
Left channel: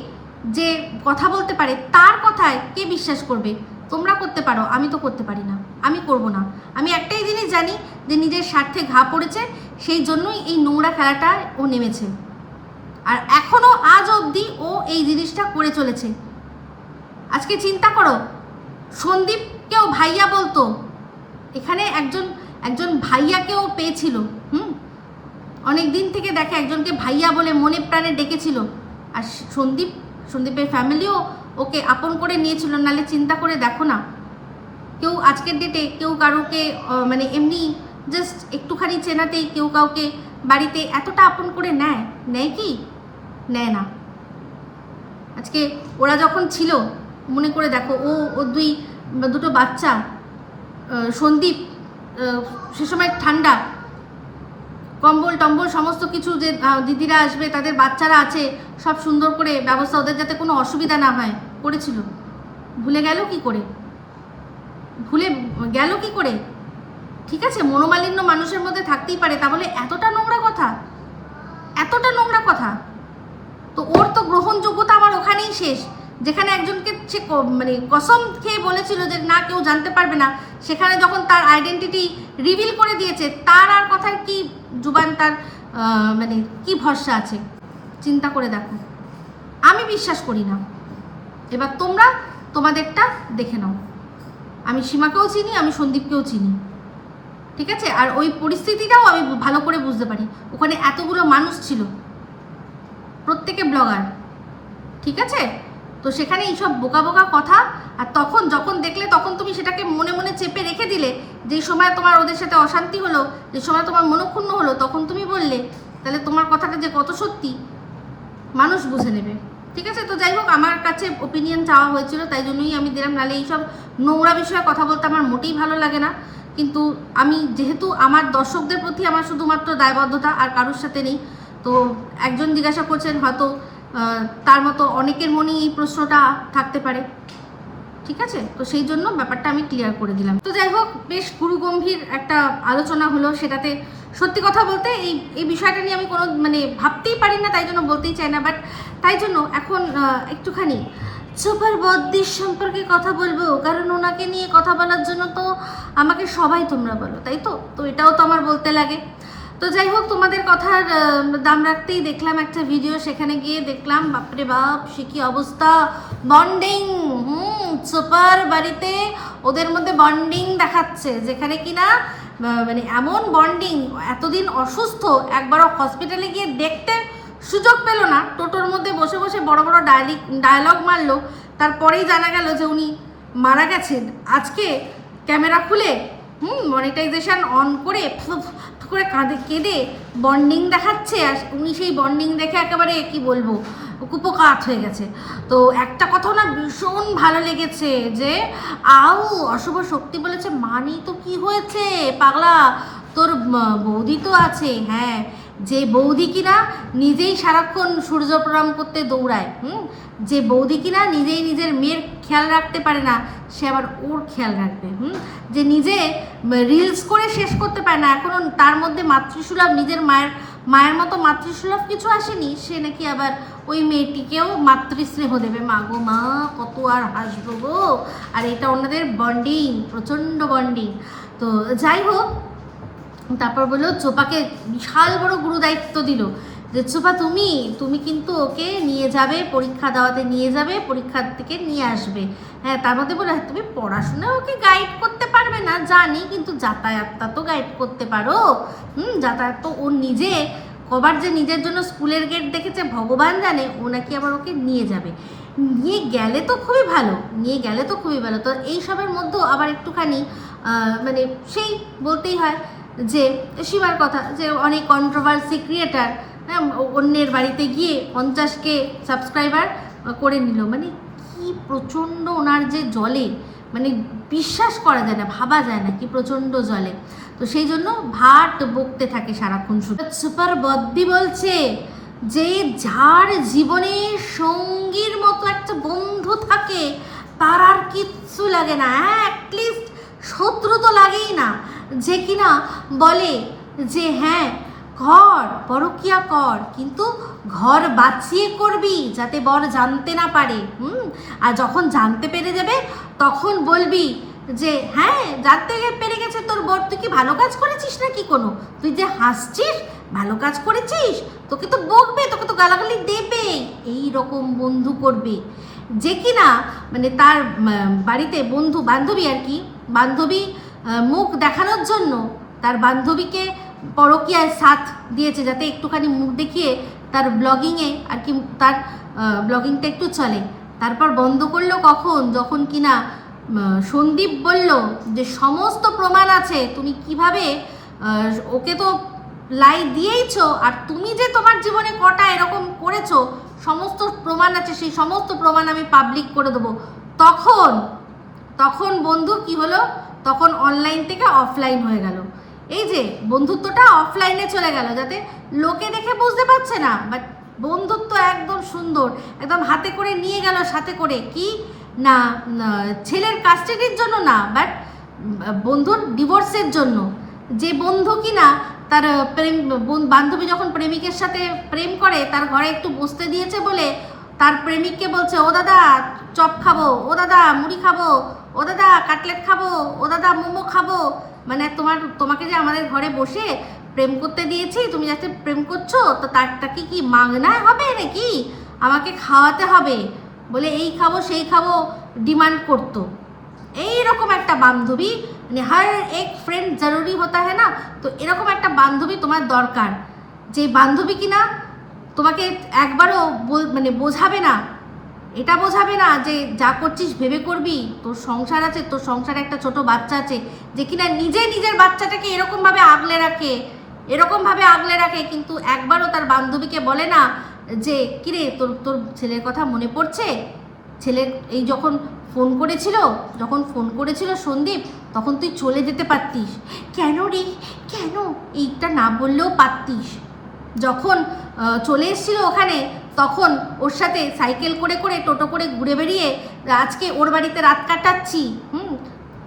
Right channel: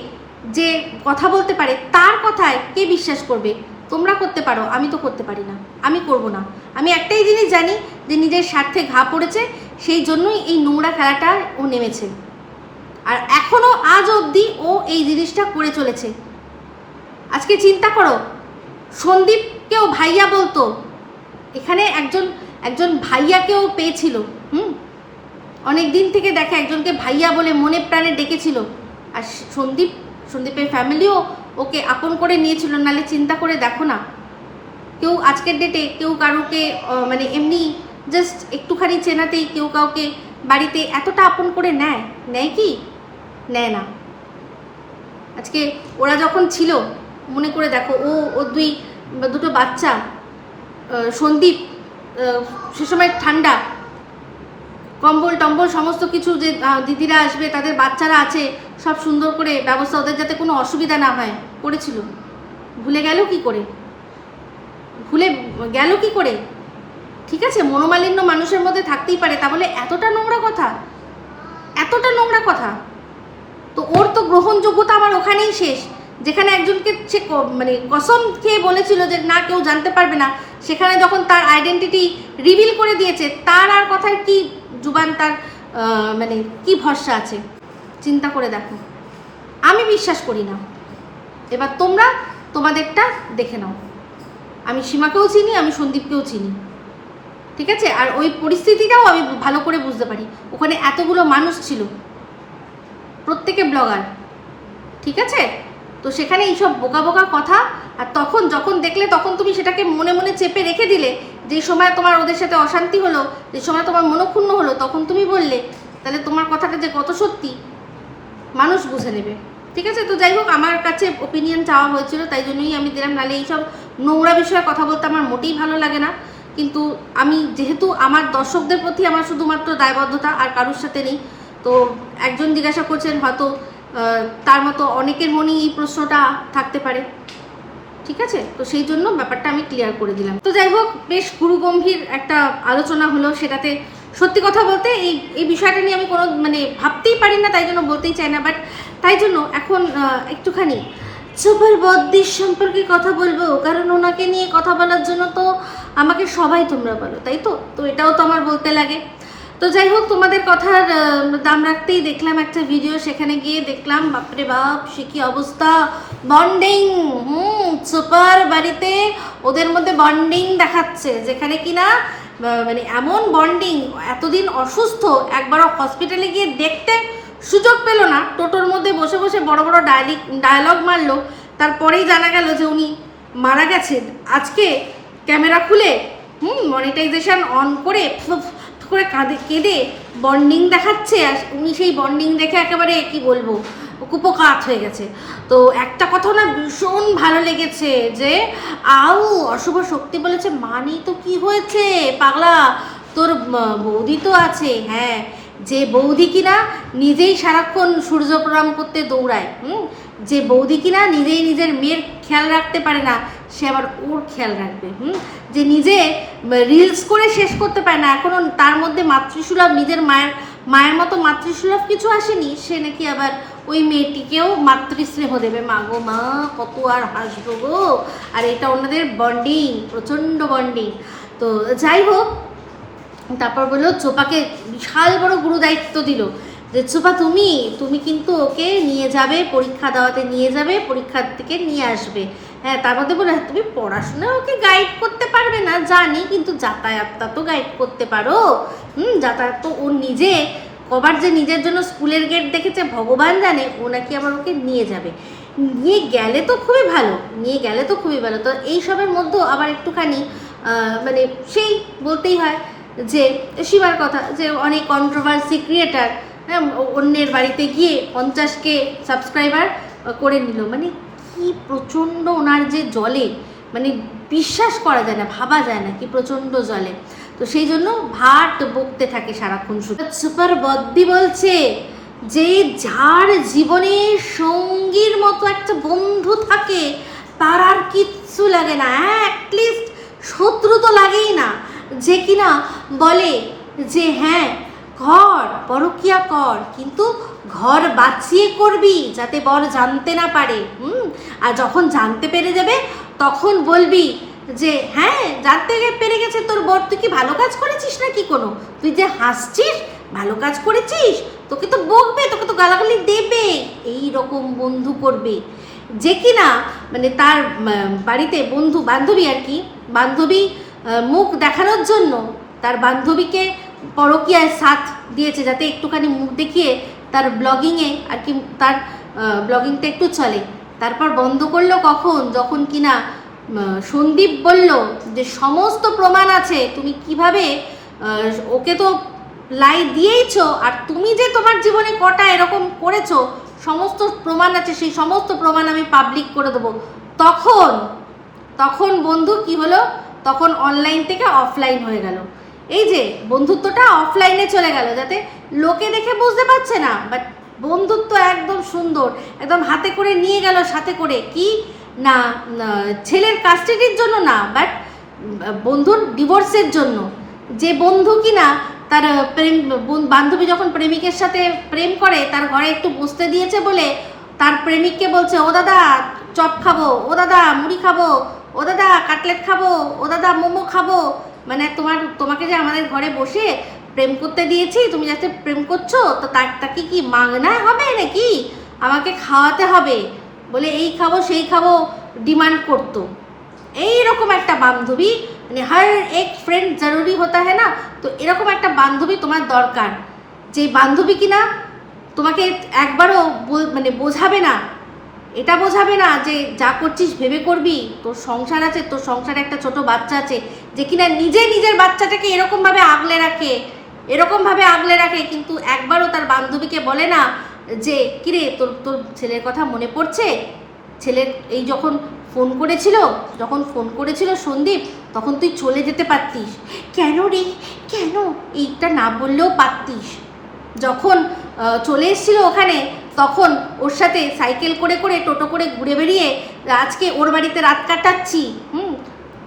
যে কথা বলতে পারে, তার কথায় কে বিশ্বাস করবে? তোমরা করতে পারো, আমি তো করতে পারি না। আমি করব না। আমি একটাই জিনিস জানি, যে নিজের স্বার্থে ঘা পড়েছে, সেই জন্যই এই নোংরা খেলাটা ও নেমেছে। আর এখনও আজ অবধি ও এই জিনিসটা করে চলেছে। আজকে চিন্তা করো, সন্দীপকেও ভাইয়া বলতো, এখানে একজন একজন ভাইয়াকেও পেয়েছিল, হুম? অনেক দিন থেকে দেখে একজনকে ভাইয়া বলে মনে প্রাণে ডেকেছিল। আর সন্দীপ, সন্দীপের ফ্যামিলিও ওকে আপন করে নিয়েছিল নালে চিন্তা করে দেখো না। কেউ আজকের ডেটে কেউ কারোকে মানে এমনি জাস্ট একটুখানি চেনাতেই কেউ কাউকে বাড়িতে এতটা আপন করে নেয় নেয় কি? নেয় না। আজকে ওরা যখন ছিল, মনে করে দেখো, ও ও দুই দুটো বাচ্চা সন্দীপ সে সময় ঠান্ডা, কম্বল টম্বল সমস্ত কিছু যে দিদিরা আসবে, তাদের বাচ্চারা আছে, সব সুন্দর করে ব্যবস্থা, ওদের যাতে কোনো অসুবিধা না হয়, করেছিল। ভুলে গেল কি করে? ভুলে গেল কি করে? ঠিক আছে, মনোমালিন্য মানুষের মধ্যে থাকতেই পারে তা বলে এতটা নোংরা কথা এতটা নোংরা কথা তো ওর তো গ্রহণযোগ্যতা আমার ওখানেই শেষ। যেখানে একজনকে সে মানে কসম খেয়ে বলেছিল যে না, কেউ জানতে পারবে না। সেখানে যখন তার আইডেন্টিটি রিভিল করে দিয়েছে, তার আর কথায় কি জুবান, তার মানে কি ভরসা আছে? চিন্তা করে দেখো। আমি বিশ্বাস করি না। এবার তোমরা তোমাদেরটা দেখে নাও। আমি সীমাকেও চিনি, আমি সন্দীপকেও চিনি। ঠিক আছে? আর ওই পরিস্থিতিটাও আমি ভালো করে বুঝতে পারি। ওখানে এতগুলো মানুষ ছিল। প্রত্যেকে ব্লগার। ঠিক আছে? তো সেখানে এইসব বোকা বোকা কথা, আর তখন যখন দেখলে তখন তুমি সেটাকে মনে মনে চেপে রেখে দিলে, যে সময় তোমার ওদের সাথে অশান্তি হলো, যে সময় তোমার মনক্ষুণ্ণ হলো, তখন তুমি বললে, তাহলে তোমার কথাটা যে কত সত্যি, মানুষ বুঝে নেবে। ঠিক আছে? তো যাই হোক, আমার কাছে ওপিনিয়ন চাওয়া হয়েছিল, তাই জন্যই আমি দিলাম। নাহলে এইসব নোংরা বিষয়ে কথা বলতে আমার মোটেই ভালো লাগে না। কিন্তু আমি যেহেতু আমার দর্শকদের প্রতি আমার শুধুমাত্র দায়বদ্ধতা আর কারোর সাথে নেই, তো একজন জিজ্ঞাসা করছেন, হয়তো তার মতো অনেকের মনেই এই প্রশ্নটা থাকতে পারে। ঠিক আছে? তো সেই জন্য ব্যাপারটা আমি ক্লিয়ার করে দিলাম। তো যাই হোক, বেশ গুরুগম্ভীর একটা আলোচনা হলো সেটাতে। সত্যি কথা বলতে এই এই বিষয়টা নিয়ে আমি কোনো মানে ভাবতেই পারি না, তাই জন্য বলতেই চাই না। বাট তাই জন্য এখন একটুখানি সুপার বদ্দির সম্পর্কে কথা বলব, কারণ ওনাকে নিয়ে কথা বলার জন্য তো আমাকে সবাই তোমরা বলো, তাই তো? তো এটাও তো আমার বলতে লাগে। তো যাই হোক, তোমাদের কথার দাম রাখতেই দেখলাম একটা ভিডিও সেখানে গিয়ে দেখলাম, বাপরে বাপ, সে কি অবস্থা। বন্ডিং হুম সুপার বাড়িতে ওদের মধ্যে বন্ডিং দেখাচ্ছে, যেখানে কিনা মানে এমন বন্ডিং এতদিন অসুস্থ, একবারও হসপিটালে গিয়ে দেখতে সুযোগ পেল না। টোটোর মধ্যে বসে বসে বড় বড় ডায়ালিক ডায়লগ মারলো, তারপরেই জানা গেল যে উনি মারা গেছেন। আজকে ক্যামেরা খুলে, হুম মনিটাইজেশন অন করে করে কাঁদে কেঁদে বন্ডিং দেখাচ্ছে আর উনি সেই বন্ডিং দেখে একেবারে কি বলব, কুপকাত হয়ে গেছে। তো একটা কথা না ভীষণ ভালো লেগেছে যে, আউ, অশুভ শক্তি বলেছে, মানি তো কি হয়েছে? পাগলা, তোর বৌদি তো আছে। হ্যাঁ যে বৌদি কিনা নিজেই সারাক্ষণ সূর্য প্রণাম করতে দৌড়ায়, হুম? যে বৌদি কিনা নিজেই নিজের মেয়ের খেয়াল রাখতে পারে না, সে আবার ওর খেয়াল রাখবে, হুম? যে নিজে রিলস করে শেষ করতে পারে না এখনও তার মধ্যে মাতৃসুলভ, নিজের মায়ের মায়ের মতো মাতৃসুলভ কিছু আসেনি, সে নাকি আবার ওই মেয়েটিকেও মাতৃস্নেহ দেবে। মা গো, মা, কত আর হাসবো গো। আর এটা ওনাদের বন্ডিং প্রচণ্ড বন্ডিং তো যাই হোক তারপর বলল চোপাকে বিশাল বড় গুরু দায়িত্ব দিল। যে চোপা তুমি তুমি কিন্তু ওকে নিয়ে যাবে, পরীক্ষা দেওয়াতে নিয়ে যাবে পরীক্ষার থেকে নিয়ে আসবে। হ্যাঁ তার মধ্যে বলে তুমি পড়াশোনা ওকে গাইড করতে পারবে না, জানি, কিন্তু যাতায়াতটা তো গাইড করতে পারো। হুম, যাতায়াত তো ও নিজে, কবার যে নিজের জন্য স্কুলের গেট দেখেছে, ভগবান জানে, ও নাকি আবার ওকে নিয়ে যাবে। নিয়ে গেলে তো খুবই ভালো, নিয়ে গেলে তো খুবই ভালো। তো এইসবের মধ্যেও আবার একটুখানি মানে সেই বলতেই হয় যে, শিবার কথা, যে অনেক কন্ট্রোভার্সি ক্রিয়েটার হ্যাঁ অন্যের বাড়িতে গিয়ে পঞ্চাশকে সাবস্ক্রাইবার করে নিল। মানে কি প্রচণ্ড ওনার যে জলে মানে বিশ্বাস করা যায় না, ভাবা যায় না কি প্রচণ্ড জলে। তো সেই জন্য ভাট বকতে থাকে সারাক্ষণ শুধু। সুপার বদ্দি বলছে যে, যার জীবনে সঙ্গীর মতো একটা বন্ধু থাকে, তার আর কিচ্ছু লাগে না। অ্যাটলিস্ট শত্রু তো লাগেই না। যে কিনা বলে যে হ্যাঁ ঘর পরকিয়া কর, কিন্তু ঘর বাঁচিয়ে করবি যাতে বর জানতে না পারে, হুম? আর যখন জানতে পেরে যাবে, তখন বলবি যে হ্যাঁ জানতে পেরে গেছে তোর বর, তুই কি ভালো কাজ করেছিস না কি কোনো? তুই যে হাসছিস, ভালো কাজ করেছিস, তোকে তো বকবে, তোকে তো গালাগালি দেবে, এই রকম বন্ধু করবে। যে কিনা মানে তার বাড়িতে বন্ধু বান্ধবী আর কি, বান্ধবী মুখ দেখানোর জন্য তার বান্ধবীকে পরকীয়ায় সাথ দিয়েছে যাতে একটুখানি মুখ দেখিয়ে তার ব্লগিংয়ে আর কি তার ব্লগিংটা একটু চলে। তারপর বন্ধ করল কখন? যখন কিনা সন্দীপ বলল যে, সমস্ত প্রমাণ আছে, তুমি কীভাবে ওকে তো লাই দিয়েইছ, আর তুমি যে তোমার জীবনে কটা এরকম করেছ, সমস্ত প্রমাণ আছে, সেই সমস্ত প্রমাণ আমি পাবলিক করে দেবো। তখন তখন বন্ধু কি হলো? তখন অনলাইন থেকে অফলাইন হয়ে গেল। এই যে বন্ধুত্বটা অফলাইনে চলে গেল যাতে লোকে দেখে বুঝতে পারছে না বাট বন্ধুত্ব একদম সুন্দর একদম হাতে করে নিয়ে গেল সাথে করে। কি? না না, ছেলের কাস্টাডির জন্য না বাট বন্ধুর ডিভোর্সের জন্য। যে বন্ধু কিনা তার প্রেম বান্ধবী যখন প্রেমিকের সাথে প্রেম করে তার ঘরে একটু বসতে দিয়েছে বলে তার প্রেমিককে বলছে ও দাদা চপ খাব ও দাদা মুড়ি খাব। ও দাদা, কাটলেট খাব, ও দাদা, মোমো খাব। মানে তোমার, তোমাকে যে আমাদের ঘরে বসে প্রেম করতে দিয়েছি, তুমি যাতে প্রেম করছ, তো তারটা কি মাগনায় হবে নাকি? আমাকে খাওয়াতে হবে। বলে, এই খাব, সেই খাব, ডিমান্ড করতো। এইরকম একটা বান্ধবী মানে হার এক ফ্রেন্ড জরুরি হতা হ্যাঁ না? তো এরকম একটা বান্ধবী তোমার দরকার। যে বান্ধবী কিনা, তোমাকে একবারও মানে বোঝাবে না। এটা বোঝাবে না যে যা করছিস ভেবে করবি? তোর সংসার আছে, তোর সংসারে একটা ছোট বাচ্চা আছে যে কিনা নিজে নিজের বাচ্চাটাকে এরকমভাবে আগলে রাখে, এরকমভাবে আগলে রাখে, কিন্তু একবারও তার বান্ধবীকে বলে না যে, কিরে, তোর তোর ছেলের কথা মনে পড়ছে? ছেলের এই যখন ফোন করেছিল, যখন ফোন করেছিল সন্দীপ, তখন তুই চলে যেতে পারতিস। কেন রে? কেন? এইটা না বললেও পারতিস। যখন চলে এসেছিল ওখানে তখন ওর সাথে সাইকেল করে করে টোটো করে ঘুরে বেরিয়ে আজকে ওর বাড়িতে রাত কাটাচ্ছি, হুম?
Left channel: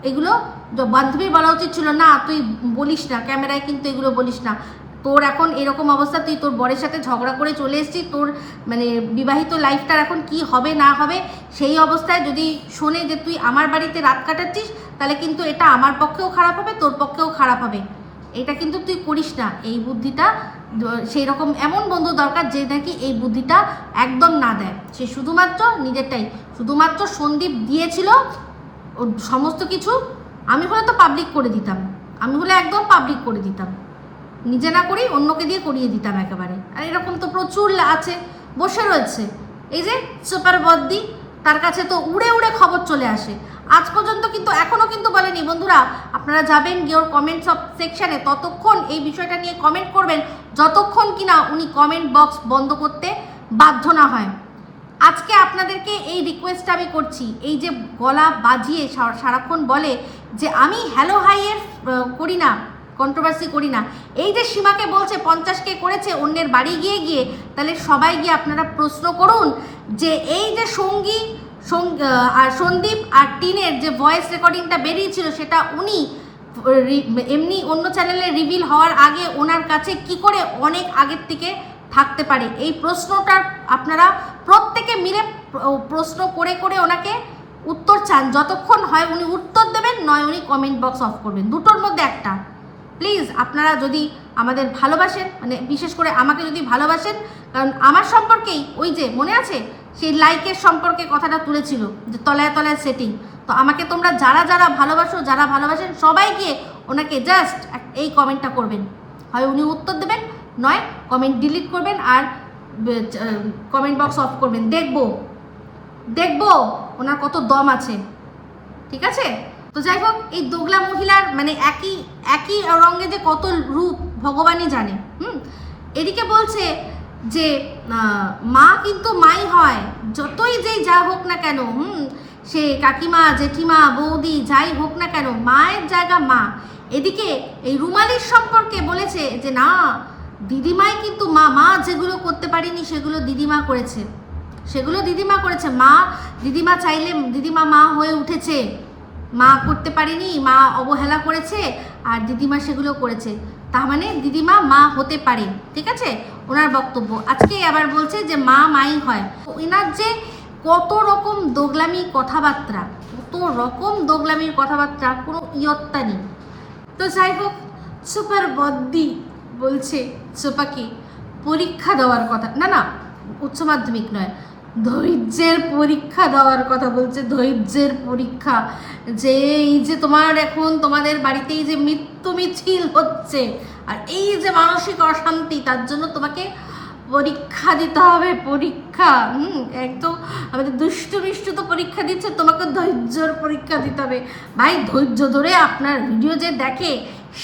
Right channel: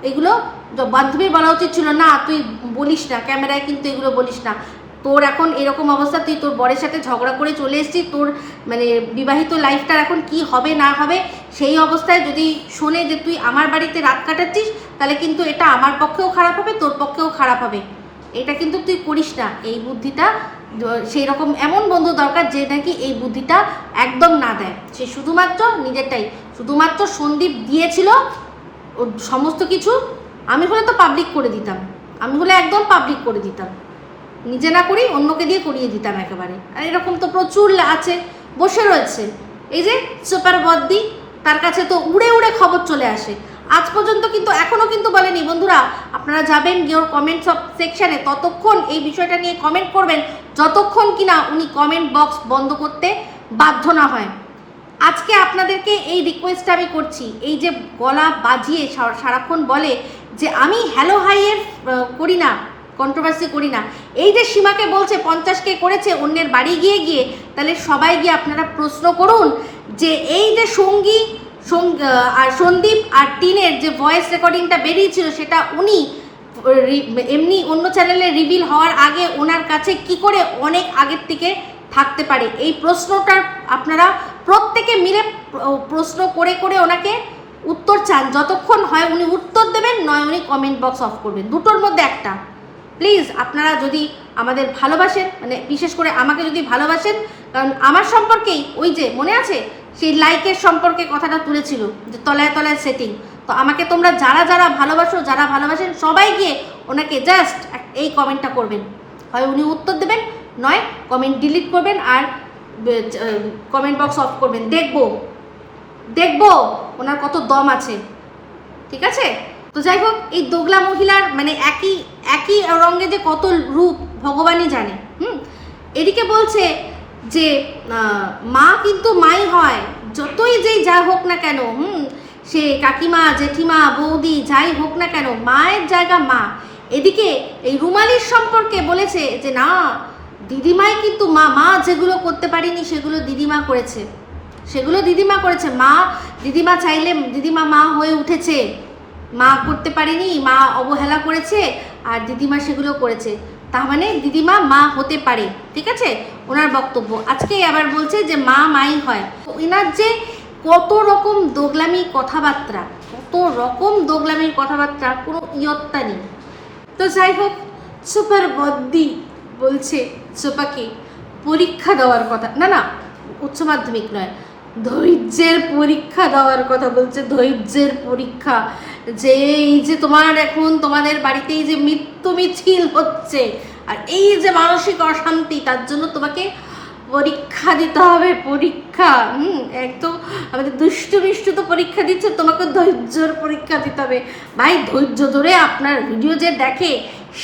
এগুলো বান্ধবীর বলা উচিত ছিল, না, তুই বলিস না, ক্যামেরায় কিন্তু এগুলো বলিস না। তোর এখন এরকম অবস্থা, তুই তোর বরের সাথে ঝগড়া করে চলে এসেছিস, তোর মানে বিবাহিত লাইফটার এখন কি হবে, না হবে, সেই অবস্থায় যদি শোনে যে তুই আমার বাড়িতে রাত কাটাচ্ছিস, তাহলে কিন্তু এটা আমার পক্ষেও খারাপ হবে, তোর পক্ষেও খারাপ হবে। এটা কিন্তু তুই করিস না, এই বুদ্ধিটা সেই রকম এমন বন্ধু দরকার যে নাকি এই বুদ্ধিটা একদম না দেয়। সে শুধুমাত্র নিজেরটাই। শুধুমাত্র সন্দীপ দিয়েছিল ওর সমস্ত কিছু, আমি হলে তো পাবলিক করে দিতাম। আমি হলে একদম পাবলিক করে দিতাম। নিজে না করি, অন্যকে দিয়ে করিয়ে দিতাম একেবারে। আর এরকম তো প্রচুর আছে, বসে রয়েছে। এই যে সুপার বদ্দি তার কাছে তো উড়ে উড়ে খবর চলে আসে। আজ পর্যন্ত কিন্তু এখনও কিন্তু বলেনি। বন্ধুরা, আপনারা যাবেন গিয়ে ওর কমেন্ট সেকশনে ততক্ষণ এই বিষয়টা নিয়ে কমেন্ট করবেন, যতক্ষণ কিনা উনি কমেন্ট বক্স বন্ধ করতে বাধ্য না হয়। আজকে আপনাদেরকে এই রিকোয়েস্টটা আমি করছি, এই যে গলা বাজিয়ে সারাক্ষণ বলে যে আমি হ্যালো হাইয়ের করি না কন্ট্রোভার্সি করি না। এই যে সীমাকে বলছে পঞ্চাশকে করেছে, অন্যের বাড়ি গিয়ে গিয়ে, তাহলে সবাই গিয়ে আপনারা প্রশ্ন করুন যে এই যে সঙ্গী আর সন্দীপ আর টিনের যে ভয়েস রেকর্ডিংটা বেরিয়েছিল, সেটা উনি এমনি অন্য চ্যানেলে রিভিল হওয়ার আগে ওনার কাছে কি করে অনেক আগের থেকে থাকতে পারে? এই প্রশ্নটার আপনারা প্রত্যেকে মিলে প্রশ্ন করে করে ওনাকে উত্তর চান। যতক্ষণ হয় উনি উত্তর দেবেন, নয় উনি কমেন্ট বক্স অফ করবেন। দুটোর মধ্যে একটা। প্লিজ আপনারা যদি আমাদের ভালোবাসেন মানে বিশেষ করে আমাকে যদি ভালোবাসেন, কারণ আমার সম্পর্কেই ওই যে মনে আছে সেই লাইকের সম্পর্কে কথাটা তুলেছিল, যে তলায় তলায় সেটিং তো আমাকে তোমরা যারা যারা ভালোবাসো, যারা ভালোবাসেন, সবাই গিয়ে ওনাকে জাস্ট এই কমেন্টটা করবেন। হয় উনি উত্তর দেবেন, নয় কমেন্ট ডিলিট করবেন আর কমেন্ট বক্স অফ করবেন। দেখব দেখব ওনার কত দম আছে। ঠিক আছে? তো যাই হোক, এই দোগলা মহিলার মানে একই একই রঙে যে কত রূপ ভগবানই জানে। হুম? এদিকে বলছে যে মা কিন্তু মাই হয়। যতই যেই যা হোক না কেন, হুম, সে কাকিমা, জেঠিমা, বৌদি, যাই হোক না কেন, মায়ের জায়গা মা। এদিকে এই রুমালির সম্পর্কে বলেছে যে, না, দিদিমাই কিন্তু মা মা যেগুলো করতে পারিনি সেগুলো দিদিমা করেছে। সেগুলো দিদিমা করেছে। মা, দিদিমা চাইলে, দিদিমা মা হয়ে উঠেছে। মা করতে পারেনি, মা অবহেলা করেছে, আর দিদিমা সেগুলো করেছে। তার মানে দিদিমা মা হতে পারে, ঠিক আছে? ওনার বক্তব্য। আজকেই আবার বলছে যে মা মাই হয়। ওনার যে কত রকম দোগলামি কথাবার্তা, কত রকম দোগলামির কথাবার্তা, কোনো ইয়ত্তা নেই। তো যাই হোক, সুপার বদ্দি বলছে সোপাকে, পরীক্ষা দেওয়ার কথা। না না, উচ্চ মাধ্যমিক নয়, ধৈর্যের পরীক্ষা দেওয়ার কথা বলছে, ধৈর্যের পরীক্ষা। যে এই যে তোমার এখন তোমাদের বাড়িতে এই যে মৃত্যু মিছিল হচ্ছে আর এই যে মানসিক অশান্তি, তার জন্য তোমাকে পরীক্ষা দিতে হবে, পরীক্ষা। হুম একদম আমাদের দুষ্টু মিষ্টু তো পরীক্ষা দিচ্ছে তোমাকে ধৈর্যর পরীক্ষা দিতে হবে। ভাই, ধৈর্য ধরে আপনার ভিডিও যে দেখে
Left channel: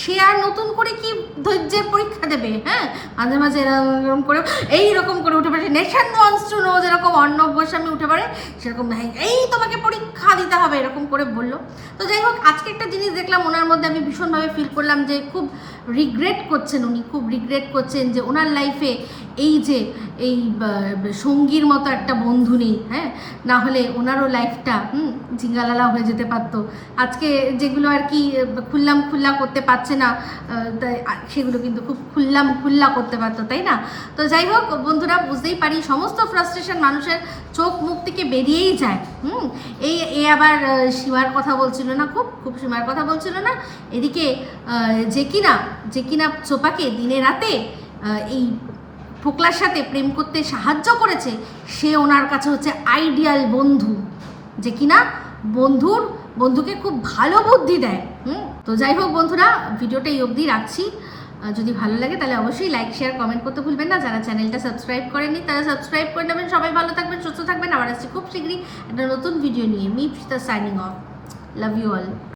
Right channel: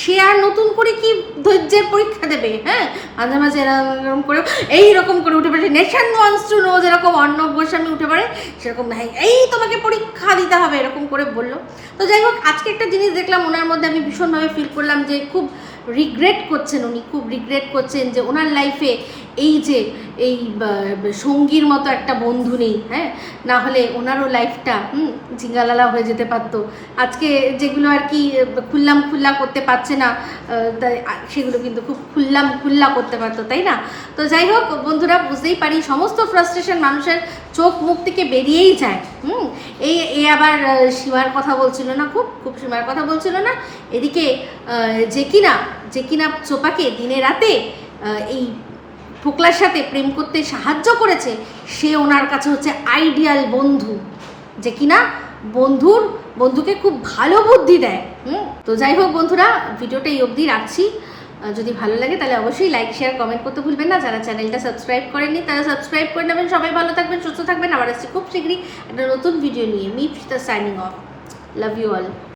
সে আর নতুন করে কি ধৈর্যের পরীক্ষা দেবে হ্যাঁ? মাঝে মাঝে এরকম করে এইরকম করে উঠে পড়ে নেশান ওয়ান্স টু নো যেরকম অর্ণব গোস্বামী উঠে পড়ে, সেরকম এই তোমাকে পরীক্ষা দিতে হবে, এরকম করে বলল। তো যাই হোক, আজকে একটা জিনিস দেখলাম, ওনার মধ্যে আমি ভীষণভাবে ফিল করলাম যে খুব রিগ্রেট করছেন উনি, খুব রিগ্রেট করছেন যে ওনার লাইফে এই যে, এই সঙ্গীর মতো একটা বন্ধু নেই হ্যাঁ? না হলে ওনারও লাইফটা হুম? ঝিঙ্গালালা হয়ে যেতে পারতো। আজকে যেগুলো আর কি খুললাম খুল্লা করতে পারছে না তাই সেগুলো কিন্তু খুব খুললাম খুল্লা করতে পারতো, তাই না? তো যাই হোক, বন্ধুরা, বুঝতেই পারি, সমস্ত ফ্রাস্ট্রেশন মানুষের চোখ মুখ থেকে বেরিয়েই যায়, হুম? এই, এ আবার সীমার কথা বলছিল না খুব? খুব সীমার কথা বলছিল না? এদিকে যে কিনা যে কিনা চোপাকে দিনে রাতে এই ফোকলার সাথে প্রেম করতে সাহায্য করেছে, সে ওনার কাছে হচ্ছে আইডিয়াল বন্ধু। যে কিনা বন্ধুর, বন্ধুকে খুব ভালো বুদ্ধি দেয়। হুম? তো যাই হোক বন্ধুরা, ভিডিওটা এই অবধি রাখছি। যদি ভালো লাগে তাহলে অবশ্যই লাইক শেয়ার কমেন্ট করতে ভুলবেন না। যারা চ্যানেলটা সাবস্ক্রাইব করেননি, তারা সাবস্ক্রাইব করে নেবেন। সবাই ভালো থাকবেন, সুস্থ থাকবেন। আবার আসছি খুব শীঘ্রই একটা নতুন ভিডিও নিয়ে। Me signing off love you all